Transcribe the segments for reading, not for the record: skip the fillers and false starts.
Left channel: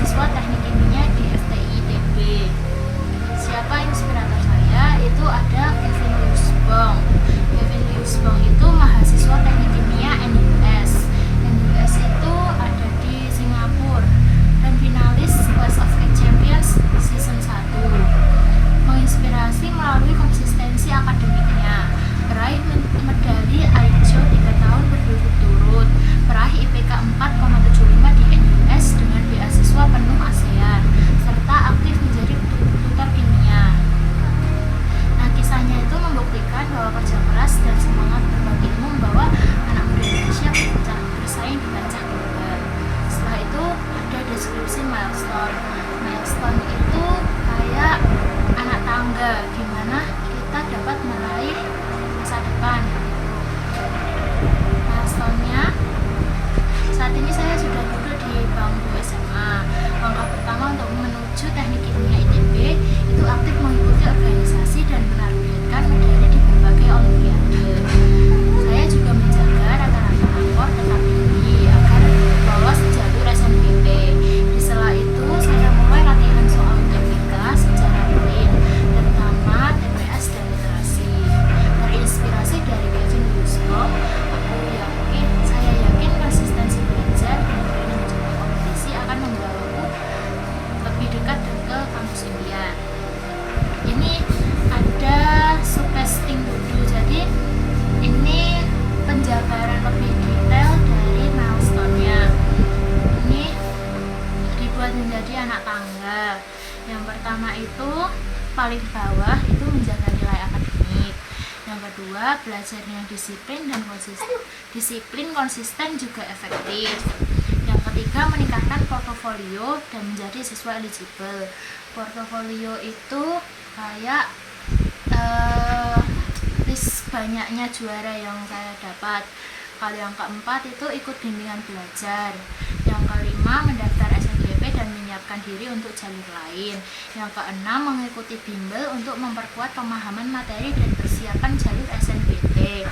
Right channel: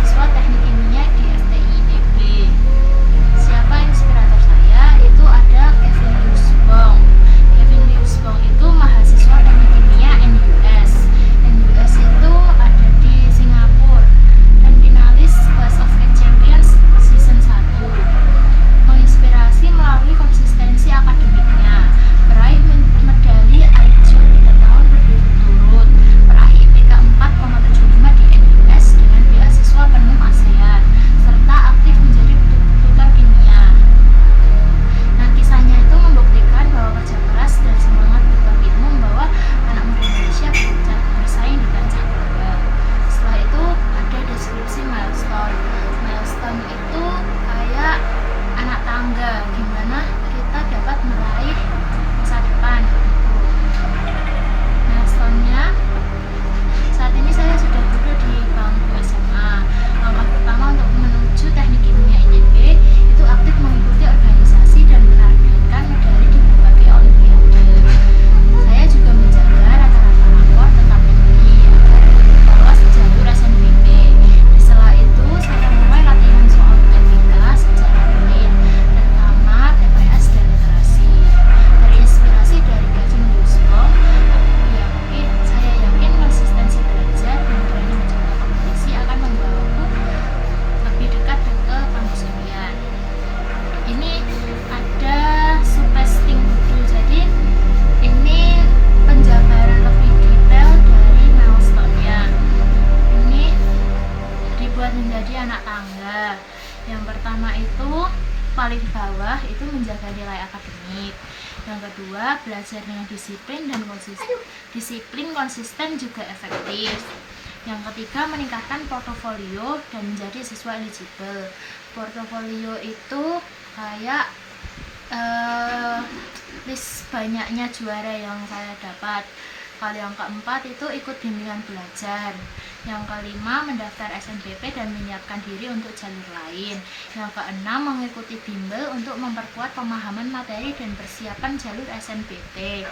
mahasiswa teknik kimia di FTI ITB. Siapa inspirator saya? Itu ada Kevin Liusbong. Kevin Liusbong itu mahasiswa teknik kimia NUS. NUS itu ada di Singapura dan finalis Clash of Champions season 1. Menginspirasi melalui konsistensi akademiknya, meraih medali IJO 3 tahun berturut-turut, meraih IPK 4,75 di NUS dengan beasiswa penuh ASEAN, serta aktif menjadi tutor kimia. Nah, kisahnya itu membuktikan bahwa kerja keras dan semangat berbagi ilmu membawa anak muda Indonesia bersaing di kancah global. Setelah itu ada deskripsi milestone. Milestone itu kayak anak tangga, gimana kita dapat meraih masa depan gitu. Milestone-nya, saat ini saya sudah duduk di bangku SMA. Langkah pertama untuk menuju teknik kimia ITB itu aktif mengikuti organisasi dan menargetkan medali di berbagai olimpiade. Saya juga menjaga rata-rata rapor tetap tinggi agar lolos jalur SNBP. Di sela itu saya mulai latihan soal UTBK secara rutin, terutama TPS dan literasi. Terinspirasi dari Kevin Liusbong, saya yakin konsistensi belajar dan berani mencoba kompetisi akan membawaku lebih dekat ke kampus impian. Ini ada subtesting dulu, jadi ini penjabaran lebih detail dari milestone-nya. Ini dibuat menjadi anak tangga. Yang pertama itu paling bawah itu menjaga nilai akademik. Yang kedua, belajar dengan disiplin dan konsisten juga efektif. Yang ketiga, meningkatkan portofolio dan menjadi siswa eligible. Portofolio itu kayak list banyaknya juara yang saya dapat. Kalau yang keempat itu ikut bimbingan belajar. Yang kelima, mendaftar SNBP dan menyiapkan diri untuk jalur lain. Yang keenam, mengikuti bimbel untuk memperkuat pemahaman materi dan persiapan jalur SNBP.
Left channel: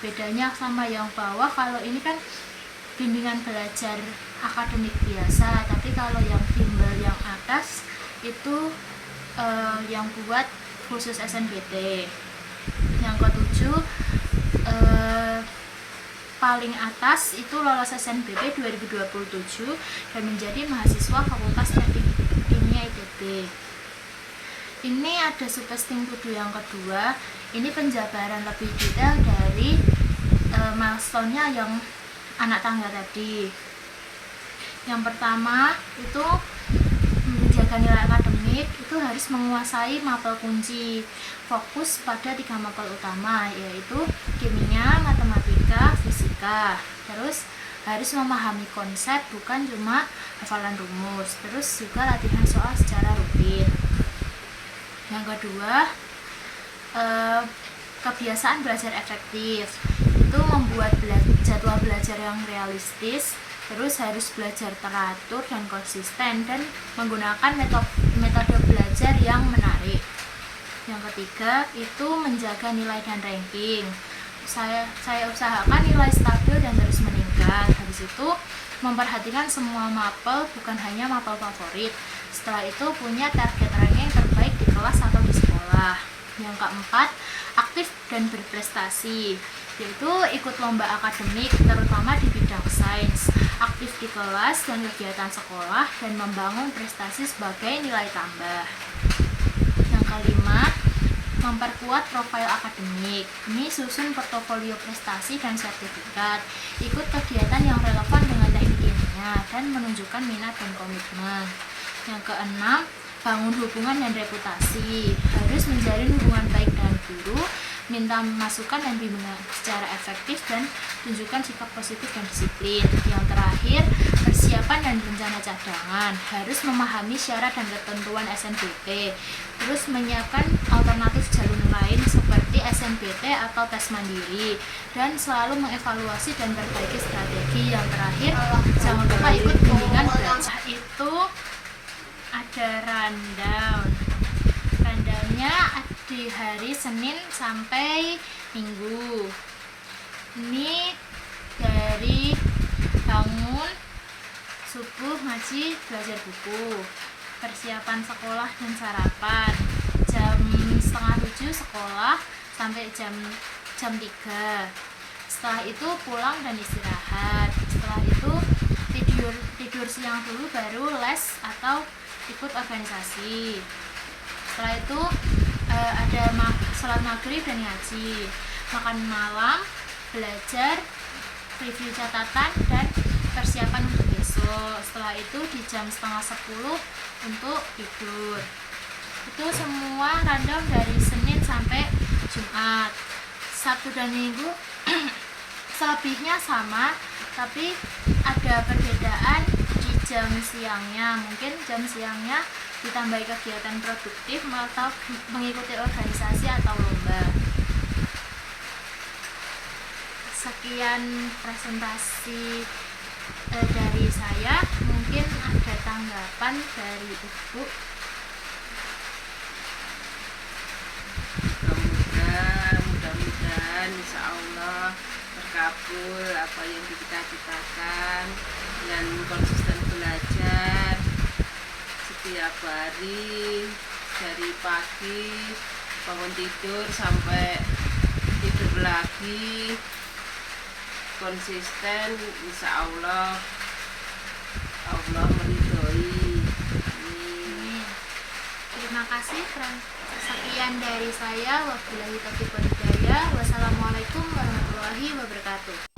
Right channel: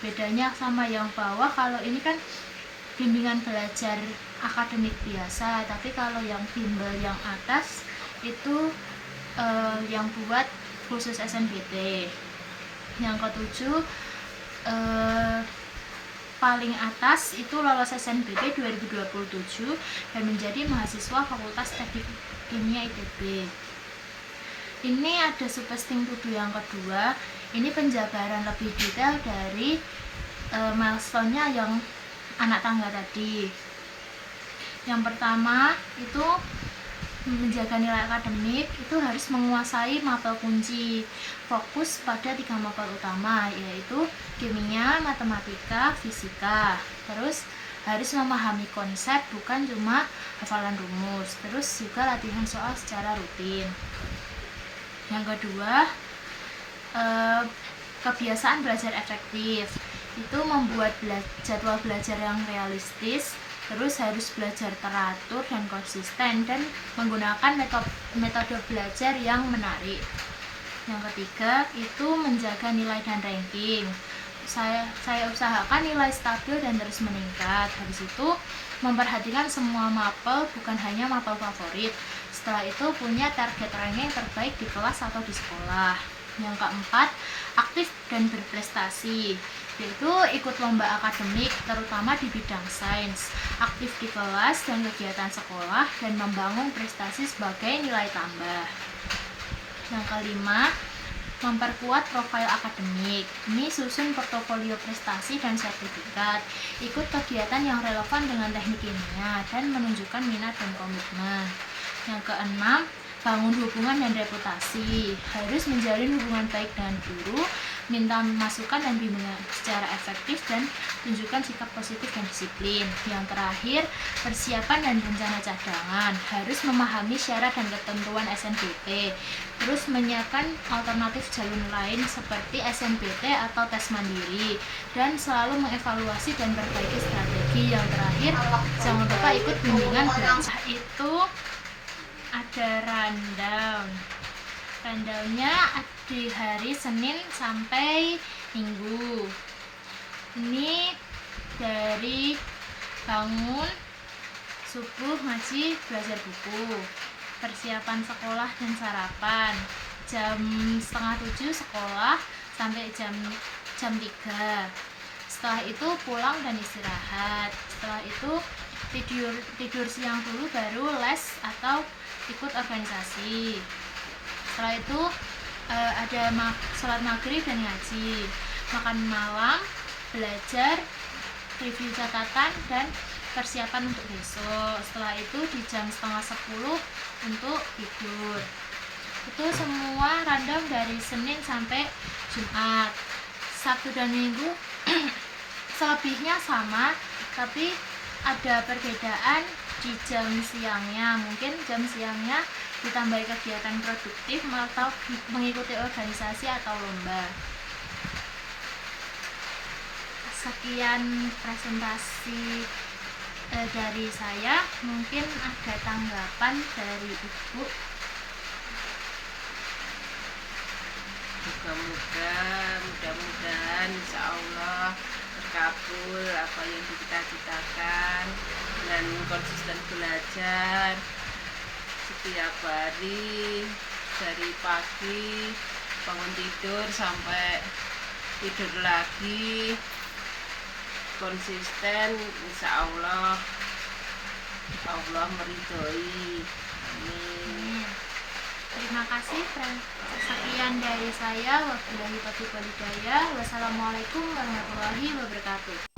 Bedanya sama yang bawah, kalau ini kan bimbingan belajar akademik biasa, tapi kalau yang bimbel yang atas itu yang buat khusus SNBP. Yang ketujuh, paling atas itu lolos SNBP 2027 dan menjadi mahasiswa Fakultas Teknik Kimia ITB. Ini ada subtesting to do yang kedua. Ini penjabaran lebih detail dari milestone-nya yang anak tangga tadi. Yang pertama itu menjaga nilai akademik, itu harus menguasai mapel kunci. Fokus pada 3 mapel utama, yaitu kimia, matematika, fisika. Terus harus memahami konsep, bukan cuma hafalan rumus. Terus juga latihan soal secara rutin. Yang kedua, kebiasaan belajar efektif. Itu membuat jadwal belajar yang realistis. Terus harus belajar teratur dan konsisten dan menggunakan metode belajar yang menarik. Yang ketiga itu menjaga nilai dan ranking. Saya usahakan nilai stabil dan terus meningkat. Habis itu memperhatikan semua mapel, bukan hanya mapel favorit. Setelah itu punya target ranking terbaik di kelas atau di sekolah. Yang keempat, aktif dan berprestasi, yaitu ikut lomba akademik terutama di bidang sains, aktif di kelas dan kegiatan sekolah, dan membangun prestasi sebagai nilai tambah. Yang kelima, memperkuat profil akademik. Ini susun portofolio prestasi dan sertifikat, ikut kegiatan yang relevan dengan teknik kimia, dan menunjukkan minat dan komitmen. Yang keenam, bangun hubungan dan reputasi. Harus menjalin hubungan baik dengan guru, minta masukan dan bimbingan secara efektif, dan tunjukkan sikap positif dan disiplin. Yang terakhir, persiapan dan rencana cadangan. Harus memahami syarat dan ketentuan SNBP. Terus menyiapkan alternatif jalur lain seperti SNBT atau tes mandiri, dan selalu mengevaluasi dan perbaiki strategi. Yang terakhir, jangan lupa ikut bimbingan belajar. Itu ada rundown. Rundownnya di hari Senin sampai Minggu. Ini dari bangun subuh ngaji belajar buku, persiapan sekolah dan sarapan, jam setengah 7 sekolah sampai jam 3. Setelah itu pulang dan istirahat. Setelah itu tidur siang dulu, baru les atau ikut organisasi. Setelah itu ada sholat maghrib dan ngaji, makan malam, belajar, review catatan dan persiapan untuk besok. Setelah itu di jam setengah 10 untuk tidur. Itu semua random dari Senin sampai Jumat. Sabtu dan Minggu selebihnya sama, tapi ada perbedaan di jam siangnya. Mungkin jam siangnya ditambahi kegiatan produktif atau mengikuti organisasi atau lomba. Sekian presentasi dari saya. Mungkin ada tanggapan dari Ibu. Mudah-mudahan insya Allah terkabul apa yang dicita-citakan dengan konsisten belajar setiap hari, dari pagi bangun tidur sampai tidur lagi, konsisten, insya Allah Allah meridhoi. Amin. Terima kasih. Sekian dari saya. Wabillahi taufiq wal hidayah. Wassalamualaikum warahmatullahi wabarakatuh.